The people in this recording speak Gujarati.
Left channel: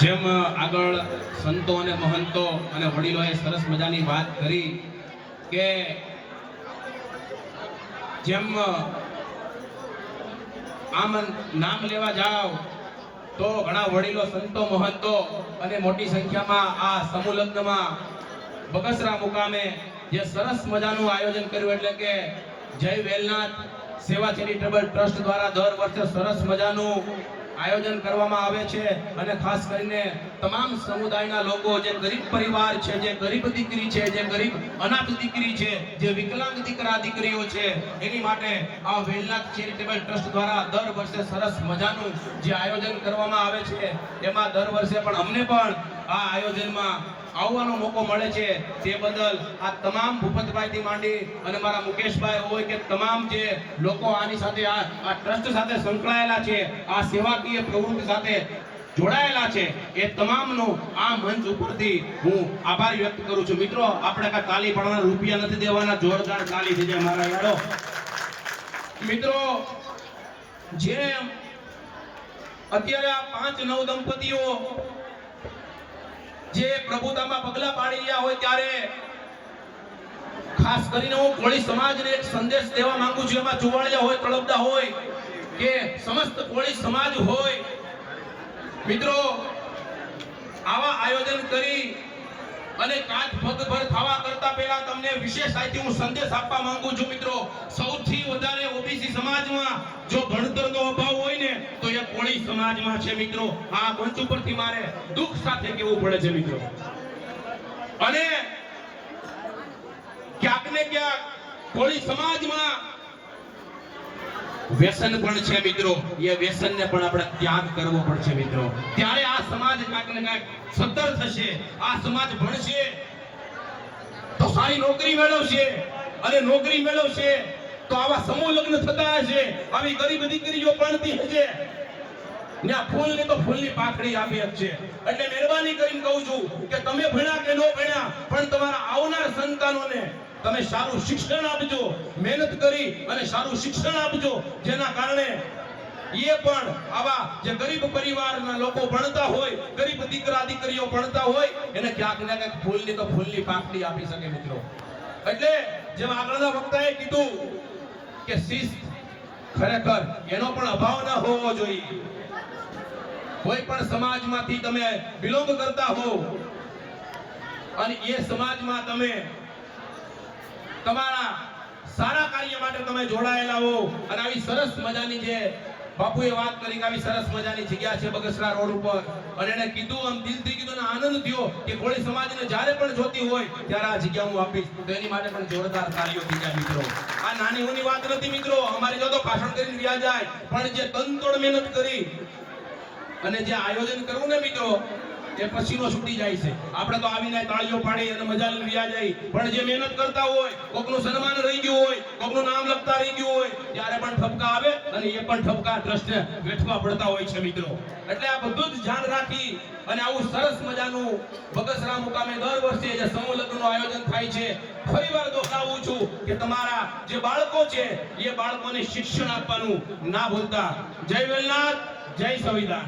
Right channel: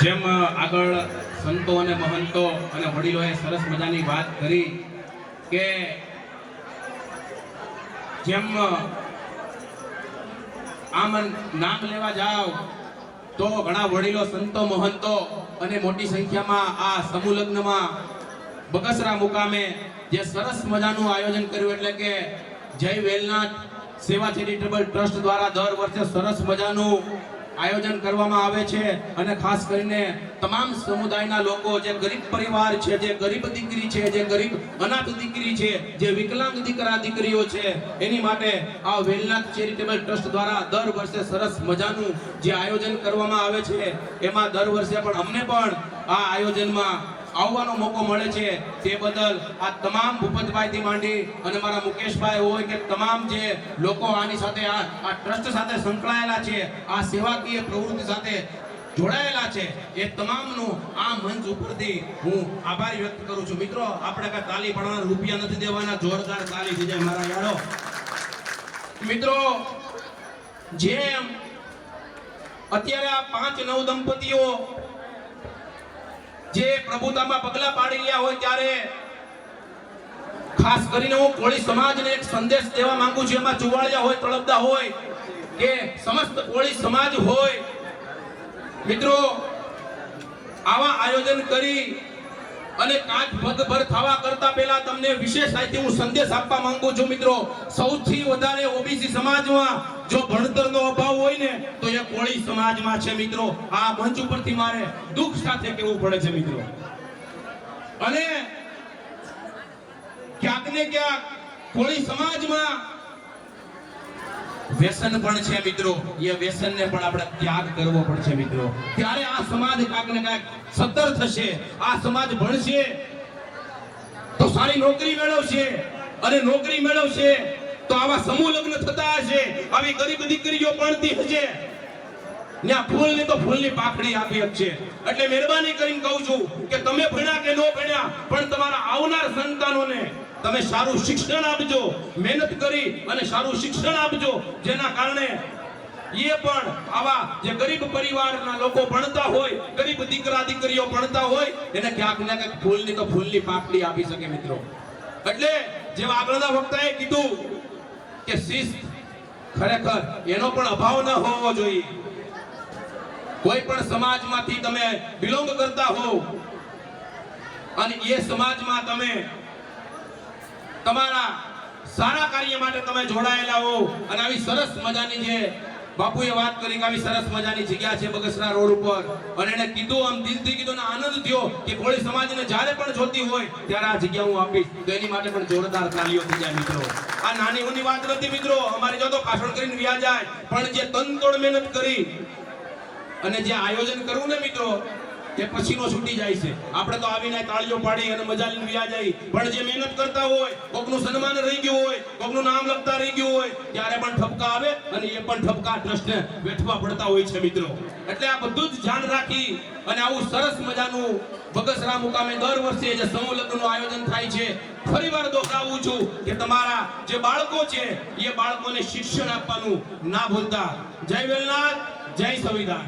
જેમ આગળ સંતો અને મહંતો અને વડીલોએ સરસ મજાની વાત કરી કે જેમ આમ નામ લેવા જાવ તો ઘણા વડીલો સંતો મહંતો અને મોટી સંખ્યામાં આ સમૂહ લગ્નમાં બગસરા મુકામે જે સરસ મજાનું આયોજન કર્યું એટલે કે જય વેલનાથ સેવા ચેરિટેબલ ટ્રસ્ટ દ્વારા દર વર્ષે સરસ મજાનું આયોજન કરવામાં આવે છે અને ખાસ કરીને તમામ સમુદાયના લોકો જે ગરીબ પરિવાર છે, જે ગરીબ દીકરી છે, જે ગરીબ અનાથ દીકરી છે, જે વિકલાંગ દીકરા દીકરીઓ છે, એની માટે આ વેલનાથ ચેરિટેબલ ટ્રસ્ટ દ્વારા દર વર્ષે સરસ મજાનું જે આયોજન કરવામાં આવે છે એમાં દર વર્ષે પણ અમને પણ આ આયોજનમાં આવવાનો મોકો મળે છે તે બદલ આ તમામ ભૂપતભાઈથી માંડી અને મારા મુકેશભાઈ હોય કે તમામ જે લોકો આની સાથે આ ટ્રસ્ટ સાથે સંકળાયેલા છે, આ સેવાકીય પ્રવૃત્તિ સાથે જોડાયેલા છે, એ તમામનો આ મંચ ઉપરથી હું આભાર વ્યક્ત કરું છું. મિત્રો, આપણે કાંઈ તાલી પાડવાના રૂપિયા નથી દેવાના, જોરદાર તાલી થઈ જાય મારા યાડો. મિત્રો, જેમ અત્યારે આ 5 નવદંપતીઓ જે પ્રભુતામાં પગલા પાડી રહ્યા હોય ત્યારે ખાસ કરીને હું કોળી સમાજને એક સંદેશ દેવા માંગુ છું. એમાં ચુવાડિયા હોય, તળપદા હોય કે સમસ્ત કોળી સમાજ હોય, મિત્રો આવા આયોજન કરી અને કાચ પગભર થવા કરતા પહેલા તમને વિશેષ આથી હું સંદેશ આપવા માંગુ છું. મિત્રો, સૌથી વધારે ઓબીસી સમાજમાં જો ભણતરનો અભાવ હોય ને તો એ કોળી સમાજમાં છે. મિત્રો, આ મંચ ઉપરથી મારે દુઃખ સાથે કહેવું પડે છે. મિત્રો, અને ક્યાંક ને ક્યાંક કોળી સમાજમાં વ્યસન પણ છે. મિત્રો, એ વ્યસનને પણ આપણે ત્યાગ કરવો પડશે. મિત્રો, ત્યારે આ સમાજ કાંક ને કાંક સદ્ધર થશે, આ સમાજ ભણશે તો સારી નોકરી મેળવશે, અને નોકરી મેળવશે તો આવા સમૂહ લગ્ન થતા હશે, આવી ગરીબ દીકરીઓ ભણતી હશે ને આ ફૂલને તો ફૂલની પાખડી આપી આપશે. એટલે મહેરબાની કરીને કહું છું કે તમે ભણ્યા કે ન ભણ્યા પણ તમારા આવનાર સંતાનોને તમે સારું શિક્ષણ આપજો, મહેનત કરી અને સારું શિક્ષણ આપજો, જેના કારણે એ પણ આવા જે ગરીબ પરિવારના લોકો ભણતા હોય, ગરીબ દીકરા દીકરીઓ ભણતા હોય, એને ક્યાંક ને ક્યાંક ફૂલની તો ફૂલની પાકડી આપી શકે. મિત્રો, એટલે જેમ આગળના વક્તાએ કીધું કે શિસ્ત ખરેખર એનો પણ અભાવ ન હોવો જોઈએ. કોઈ પણ સમાજમાંથી તમે બિલોંગ કરતા હો અને એ સમાજમાં તમે તમારા સારા કાર્ય માટે તમે જોડાયેલા હો અને આવી સરસ મજાની જે બાપુએ વાત કરી કે આવી સરસ મજાની જગ્યા છે બગસરા રોડ ઉપર, અને એને કીધું, આમ દિલથી કીધું ને આનંદ થયો કે કોળી સમાજને જ્યારે પણ જોતી હોય ત્યારે આ જગ્યા હું આપીશ, તો એની માટે પણ જોરદાર તાળીઓ થઈ જાય. મિત્રો, આ નાની ઊની વાત નથી. મિત્રો, અમારી જો તો ભાષણ કરીને વ્યા જાય, પણ જે તનતોડ મહેનત કરી અને જે આયોજન કરવું ને મિત્રો, એ પછીનો છૂટી જાય છે. આપણે તો આવીને તાળીઓ પાડી અને મજા લઈને વ્યા જાય, પણ જે મહેનત કરતા હોય, કોકનું સન્માન રહી ગયું હોય, કોકનું નામ લખતા રહી ગયું હોય, ત્યારે પણ ઠપકા આવે અને એ પણ ઠપકા ટ્રસ્ટને વેઠવા પડતા હોય છે. મિત્રો, એટલે આ બધું જ ધ્યાન રાખી અને આવું સરસ મજાનું બગસરા મુકામે દર વર્ષે જે સમૂહ લગ્નનું આયોજન થાય છે, ફરીવાર દોહરાવું છું કે તમારા જે બાળકો છે એ બાળકોને શિક્ષણ આપવાનું ના ભૂલતા. જય વેલનાથ, જય સંવિધાન.